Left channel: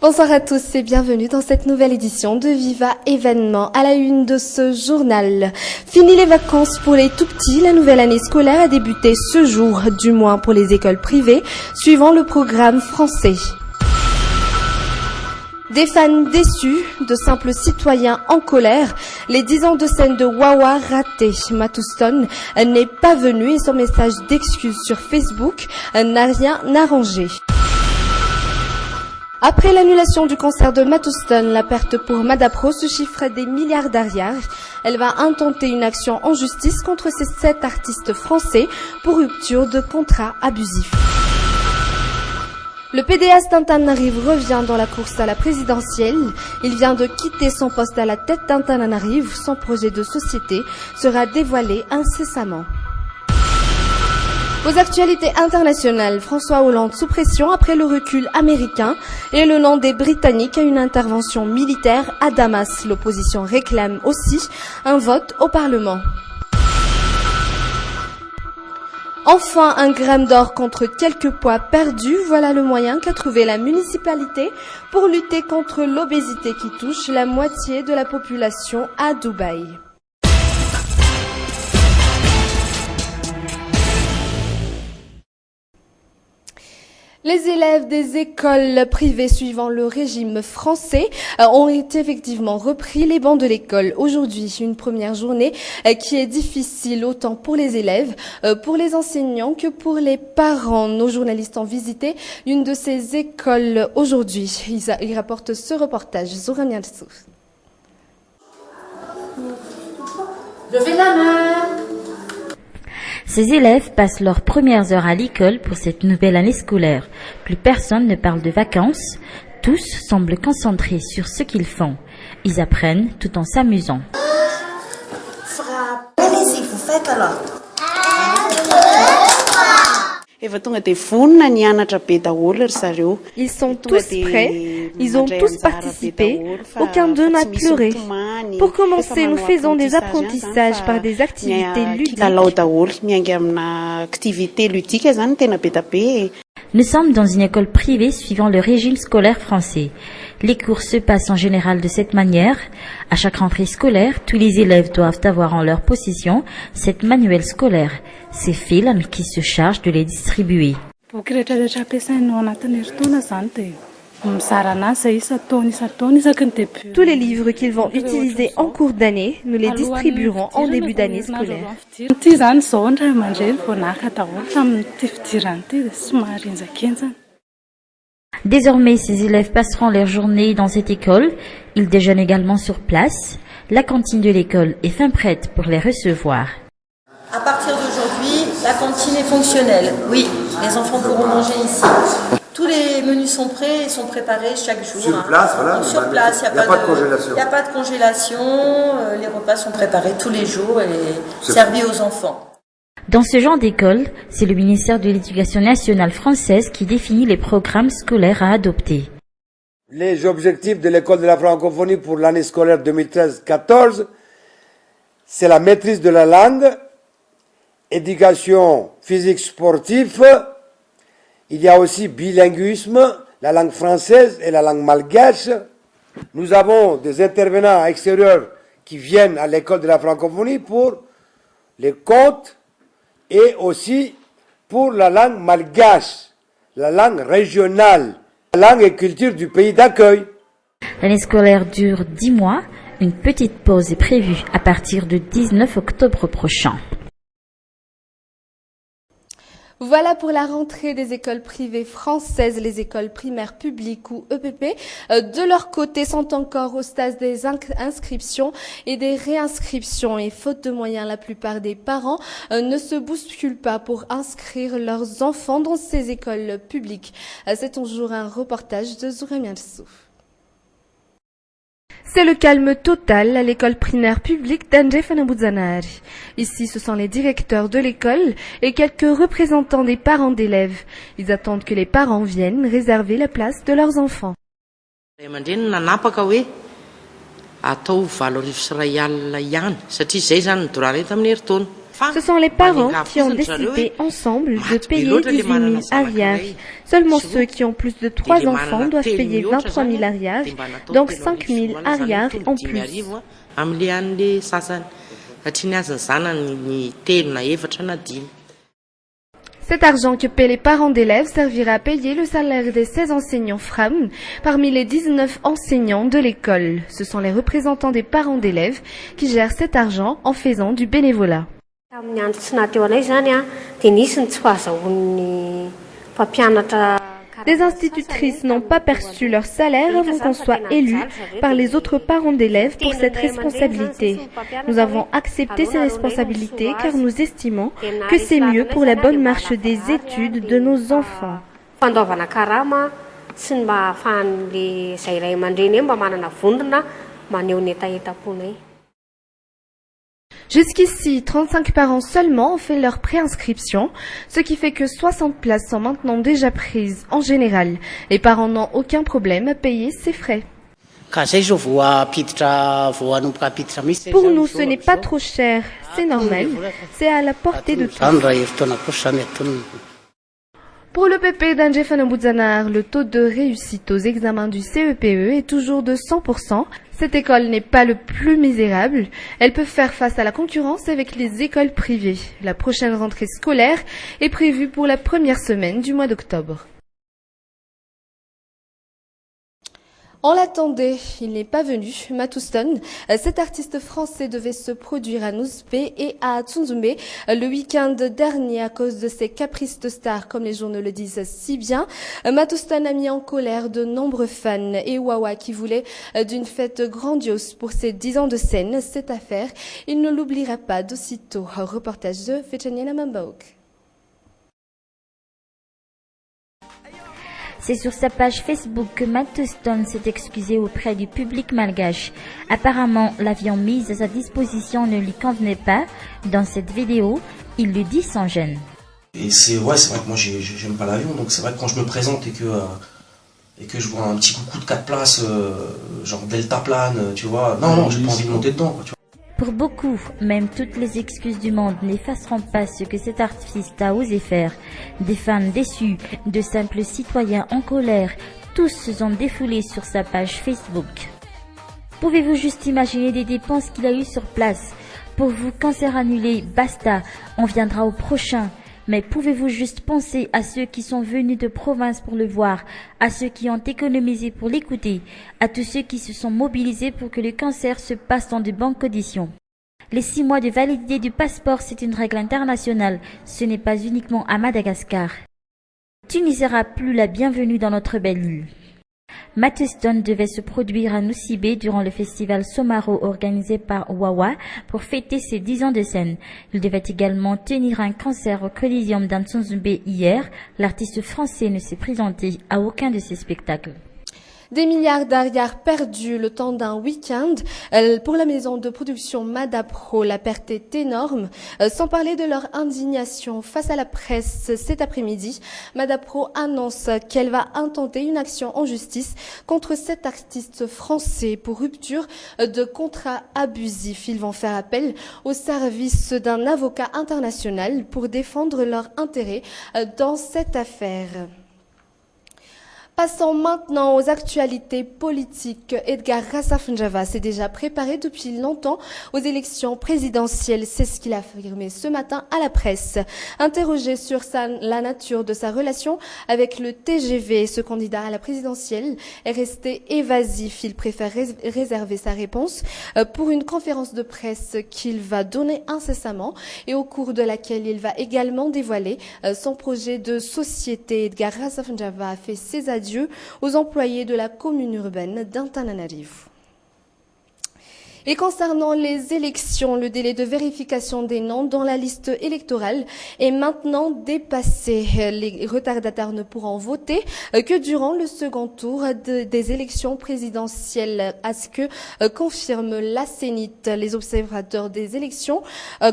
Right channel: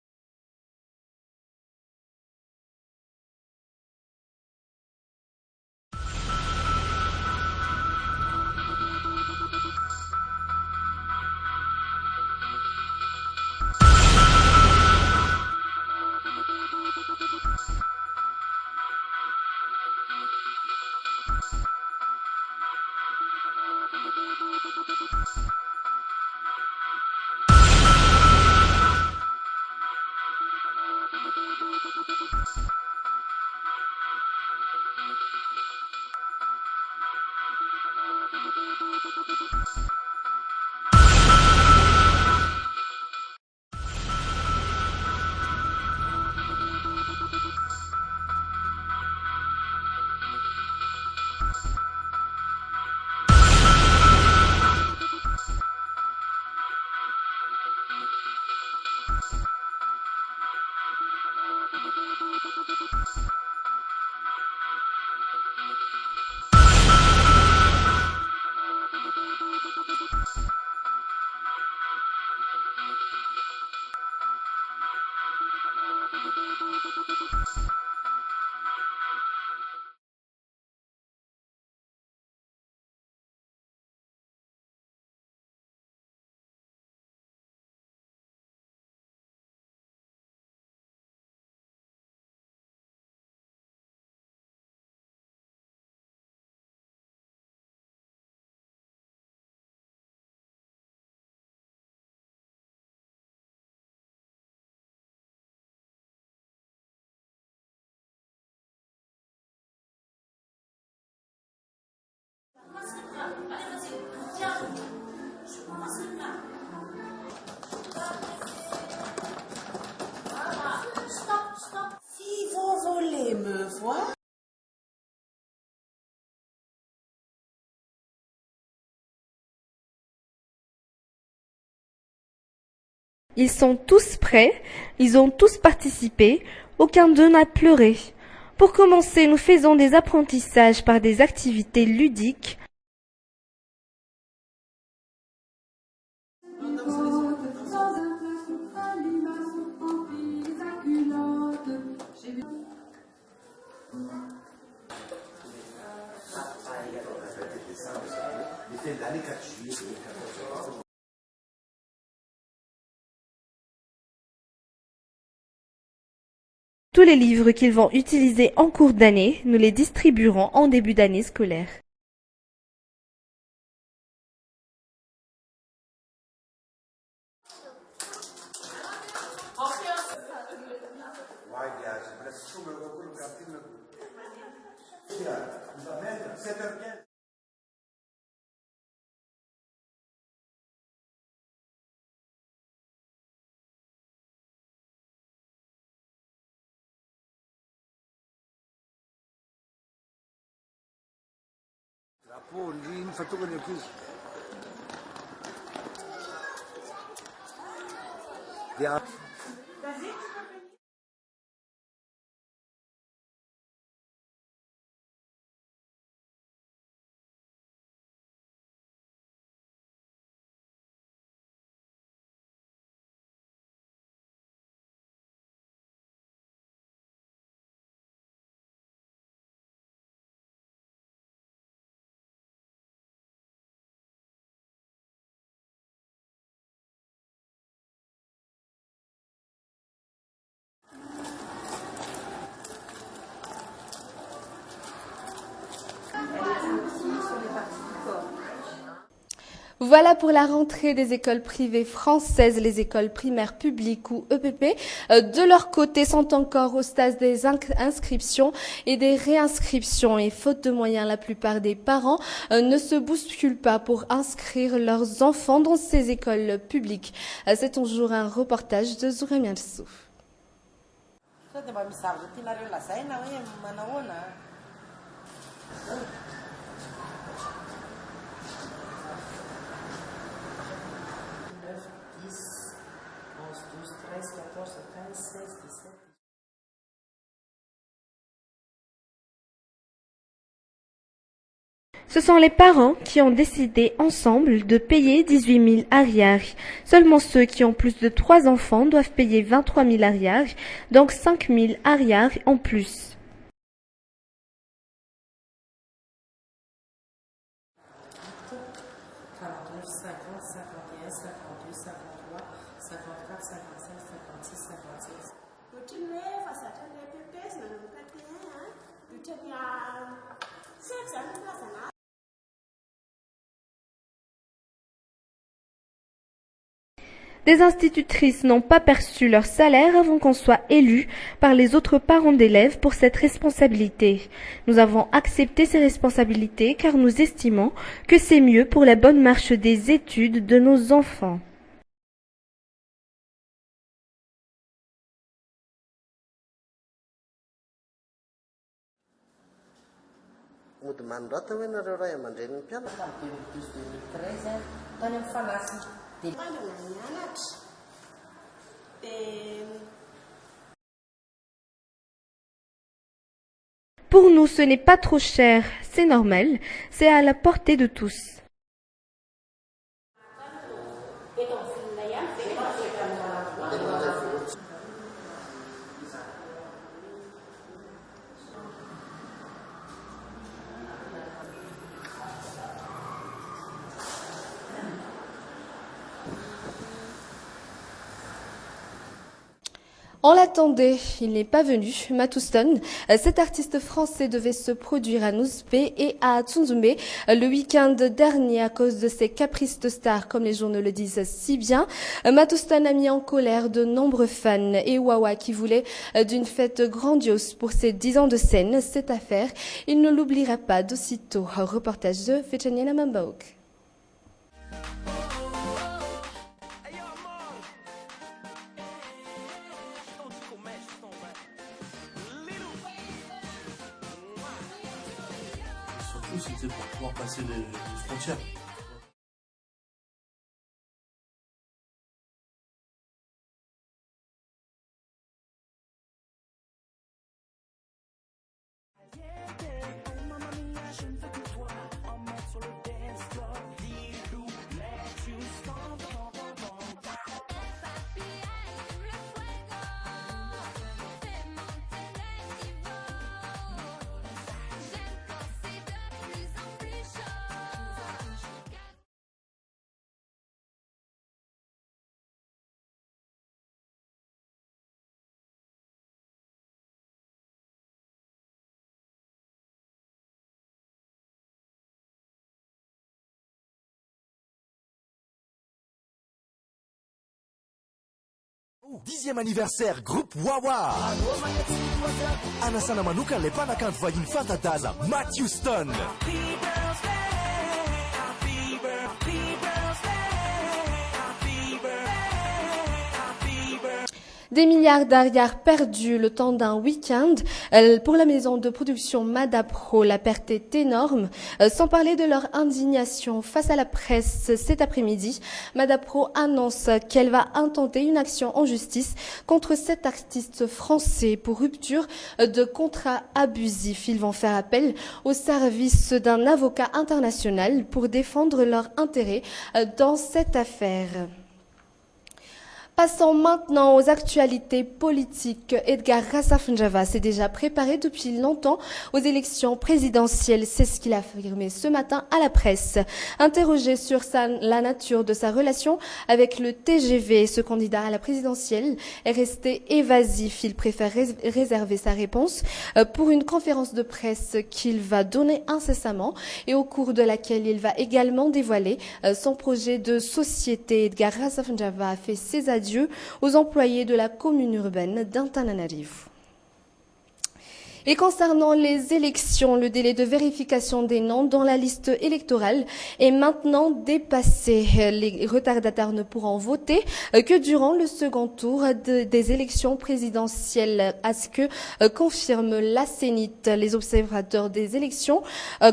Bonsoir à tous et bienvenue dans cette nouvelle édition de Viva Événement. À la une de ce journal, fini les vacances pour les tout-petits, la nouvelle année scolaire a débuté ce jour, du moins pour les écoles privées, suivant le programme français. Des fans déçus, de simples citoyens en colère, les 10 ans de scène de Wawa ratés. Matt Houston n'est pas venu et son message d'excuse sur Facebook n'a rien arrangé. Après l'annulation du concert de Matt Houston, la perte pour Madapro se chiffre à des milliards d'arrières. Elle va intenter une action en justice contre ces 7 artistes français pour rupture de contrat abusif. Le PDS d'Antananarive revient dans la course à la présidentielle. Il vient de quitter son poste à la tête d'Antananarive. Son projet de société sera dévoilé incessamment. Aux actualités internationales, François Hollande sous pression après le recul américain et le nom des Britanniques à une intervention militaire à Damas. L'opposition réclame aussi un vote au Parlement. Enfin, 1 gramme d'or contre quelques poids perdus, voilà le moyen qu'a trouvé la municipalité pour lutter contre l'obésité qui touche la moitié de la population à Dubaï. Les élèves des écoles privées suivant le régime français ont effectivement repris les bancs de l'école. Aujourd'hui, une première journée qui est difficile autant pour les élèves, pour les enseignants que pour les parents. Nos journalistes ont visité une de ces écoles aujourd'hui. Ils rapportent ce reportage. Zoran Yalsouf. Levez la main. Ces élèves passent leurs premières heures à l'école pour cette nouvelle année scolaire. Plus personne ne parle de vacances. Tous semblent concentrés sur ce qu'ils font. Ils apprennent tout en s'amusant. Ils sont tous prêts, ils ont tous participé, aucun d'eux n'a pleuré. Pour commencer, nous faisons des apprentissages par des activités ludiques. Nous sommes dans une école privée suivant le régime scolaire français. Les cours se passent en général de cette manière. À chaque rentrée scolaire, tous les élèves doivent avoir en leur possession cette manuel scolaire. C'est Phil qui se charge de les distribuer. Tous les livres qu'ils vont utiliser en cours d'année, nous les distribuerons en début d'année scolaire. Désormais, ces élèves passeront leur journée dans cette école. Ils déjeunent également sur place. La cantine de l'école est fin prête pour les recevoir. À partir d'aujourd'hui, la cantine est fonctionnelle. Oui, les enfants pourront manger ici. Tous les menus sont prêts et sont préparés chaque jour. Sur place, voilà. Sur place, il n'y a pas de congélation. Il n'y a pas de congélation. Les repas sont préparés tous les jours et servis aux enfants. Dans ce genre d'école, c'est le ministère de l'Éducation nationale française qui définit les programmes scolaires à adopter. Les objectifs de l'école de la francophonie pour l'année scolaire 2013-14, c'est la maîtrise de la langue, éducation physique sportive, il y a aussi bilinguisme, la langue française et la langue malgache. Nous avons des intervenants extérieurs qui viennent à l'école de la francophonie pour les contes et aussi pour la langue malgache, la langue régionale, la langue et culture du pays d'accueil. L'année scolaire dure 10 mois. Une petite pause est prévue à partir du 19 octobre prochain. Voilà pour la rentrée des écoles privées françaises. Les écoles primaires publiques ou EPP, de leur côté, sont encore au stade des inscriptions et des réinscriptions. Et faute de moyens, la plupart des parents ne se bousculent pas pour inscrire leurs enfants dans ces écoles publiques. C'est toujours un reportage de Zourem Yalsouf. C'est le calme total à l'école primaire publique d'Andjé-Fanaboudzanari. Ici, ce sont les directeurs de l'école et quelques représentants des parents d'élèves. Ils attendent que les parents viennent réserver la place de leurs enfants. Ce sont les parents qui ont décidé ensemble de payer 18 000 arrières. Seulement ceux qui ont plus de 3 enfants doivent payer 23 000 arrières, donc 5 000 arrières en plus. Cet argent que paient les parents d'élèves servira à payer le salaire des 16 enseignants femmes parmi les 19 enseignants de l'école. Ce sont les représentants des parents d'élèves qui gèrent cet argent en faisant du bénévolat. Les institutrices n'ont pas perçu leur salaire avant qu'on soit élu par les autres parents d'élèves pour cette responsabilité. Nous avons accepté ces responsabilités car nous estimons que c'est mieux pour la bonne marche des études de nos enfants. Jusqu'ici, 35 parents seulement ont fait leur préinscription, ce qui fait que 60 places sont maintenant déjà prises en général. Les parents n'ont aucun problème à payer ces frais. Pour nous, ce n'est pas trop cher, c'est normal, c'est à la portée de tous. Pour le PP d'Anjefana-Boudzanar, le taux de réussite aux examens du CEPE est toujours de 100%. Cette école n'est pas le plus misérable. Elle peut faire face à la concurrence avec les écoles privées. La prochaine rentrée scolaire est prévue pour la première semaine du mois d'octobre. On l'attendait, il n'est pas venu. Matouston, cet artiste français devait se produire à Nouzpé et à Tsunzumbe le week-end dernier à cause de ses caprices de star, comme les journaux le disent si bien. Matouston a mis en colère de nombreux fans et Wawa qui voulaient d'une fête grandiose pour ses 10 ans de scène. Cette affaire, il ne l'oubliera pas d'aussitôt. Reportage de Fechaniana Mambaouk. C'est sur sa page Facebook que Matouston s'est excusé auprès du public malgache. Apparemment, l'avion mis à sa disposition ne lui convenait pas. Dans cette vidéo, il le dit sans gêne. Et c'est vrai que moi j'aime pas l'avion, donc c'est vrai que quand je me présente et que je vois un petit coucou de 4 places, genre deltaplane, tu vois, non, j'ai pas envie de monter dedans, quoi, tu vois. Pour beaucoup, même toutes les excuses du monde n'effaceront pas ce que cet artiste a osé faire. Des fans déçus, de simples citoyens en colère, tous se sont défoulés sur sa page Facebook. Pouvez-vous juste imaginer les dépenses qu'il a eues sur place? Pour vous, concert annulé, basta, on viendra au prochain. Mais pouvez-vous juste penser à ceux qui sont venus de province pour le voir, à ceux qui ont économisé pour l'écouter, à tous ceux qui se sont mobilisés pour que le concert se passe dans de bonnes conditions. Les 6 mois de validité du passeport, c'est une règle internationale, ce n'est pas uniquement à Madagascar. Tu n'y seras plus la bienvenue dans notre belle île. Matouston devait se produire à Nosibé durant le festival Somaro organisé par Wawa pour fêter ses 10 ans de scène. Il devait également tenir un concert au Coliseum d'Antsunzumbe hier. L'artiste français ne s'est présenté à aucun de ses spectacles. Des milliards d'arrières perdus le temps d'un week-end. Pour la maison de production Madapro, la perte est énorme. Sans parler de leur indignation face à la presse cet après-midi, Madapro annonce qu'elle va intenter une action en justice contre cet artiste français pour rupture de contrat abusif. Ils vont faire appel au service d'un avocat international pour défendre leurs intérêts dans cette affaire. Passons maintenant aux actualités politiques. Edgar Rassafunjava s'est déjà préparé depuis longtemps aux élections présidentielles. C'est ce qu'il a affirmé ce matin à la presse. Interrogé sur la nature de sa relation avec le TGV, ce candidat à la présidentielle est resté évasif. Il préfère réserver sa réponse pour une conférence de presse qu'il va donner incessamment et au cours de laquelle il va également dévoiler son projet de société. Edgar Rassafunjava a fait ses adieux aux employés de la commune urbaine d'Antananarivo. Et concernant les élections, le délai de vérification des noms dans la liste électorale est maintenant dépassé. Les retardataires ne pourront voter que durant le second tour des élections présidentielles, à ce que confirme la Sénite. Les observateurs des élections,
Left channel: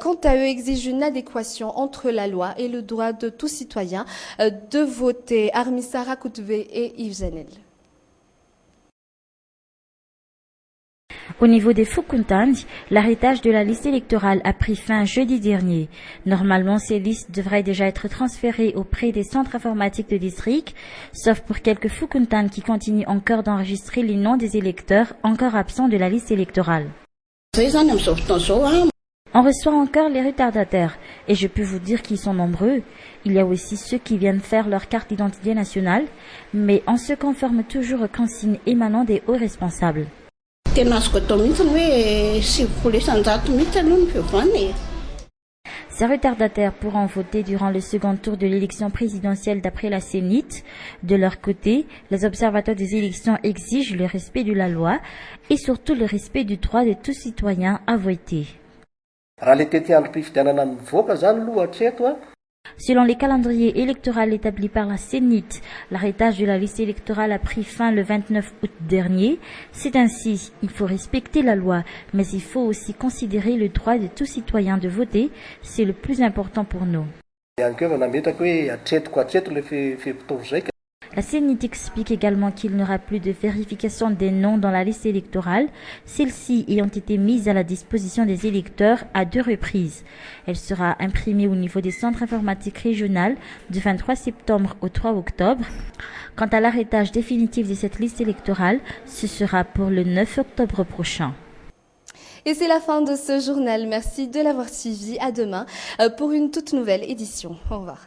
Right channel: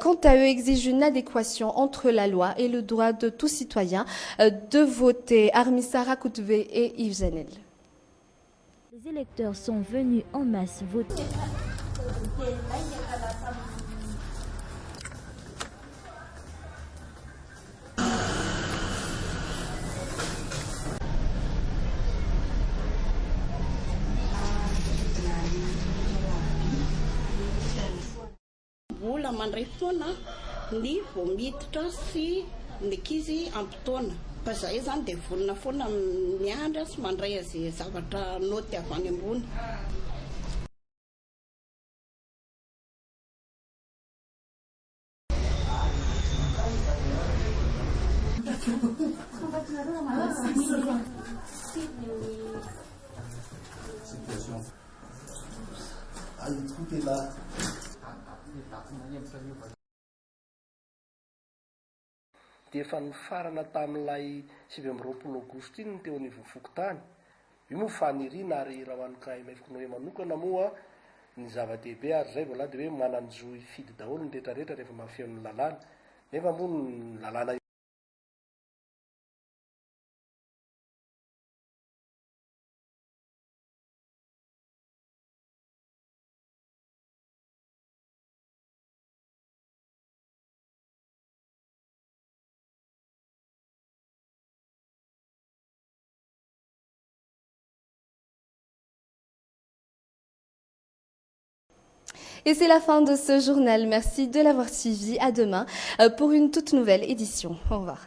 quant à eux, exigent une adéquation entre la loi et le droit de tout citoyen de voter. Armissa Rakoutve et Yves Zanel. Les électeurs sont venus en masse voter. Au niveau des Foukontans, l'arrêtage de la liste électorale a pris fin jeudi dernier. Normalement, ces listes devraient déjà être transférées auprès des centres informatiques de district, sauf pour quelques Foukontans qui continuent encore d'enregistrer les noms des électeurs encore absents de la liste électorale. On reçoit encore les retardataires et je peux vous dire qu'ils sont nombreux. Il y a aussi ceux qui viennent faire leur carte d'identité nationale, mais on se conforme toujours aux consignes émanant des hauts responsables. Ces retardataires pourront voter durant le second tour de l'élection présidentielle d'après la CENIT. De leur côté, les observateurs des élections exigent le respect de la loi et surtout le respect du droit de tout citoyen à voter. Selon les calendriers électoraux établis par la CENIT, l'arrêtage de la liste électorale a pris fin le 29 août dernier. C'est ainsi, il faut respecter la loi, mais il faut aussi considérer le droit de tout citoyen de voter. C'est le plus important pour nous. La CENIT explique également qu'il n'y aura plus de vérification des noms dans la liste électorale, celles-ci ayant été mises à la disposition des électeurs à 2 reprises. Elle sera imprimée au niveau des centres informatiques régionaux du 23 septembre au 3 octobre. Quant à l'arrêtage définitif de cette liste électorale, ce sera pour le 9 octobre prochain. Et c'est la fin de ce journal. Merci de l'avoir suivi. À demain pour une toute nouvelle édition. Au revoir.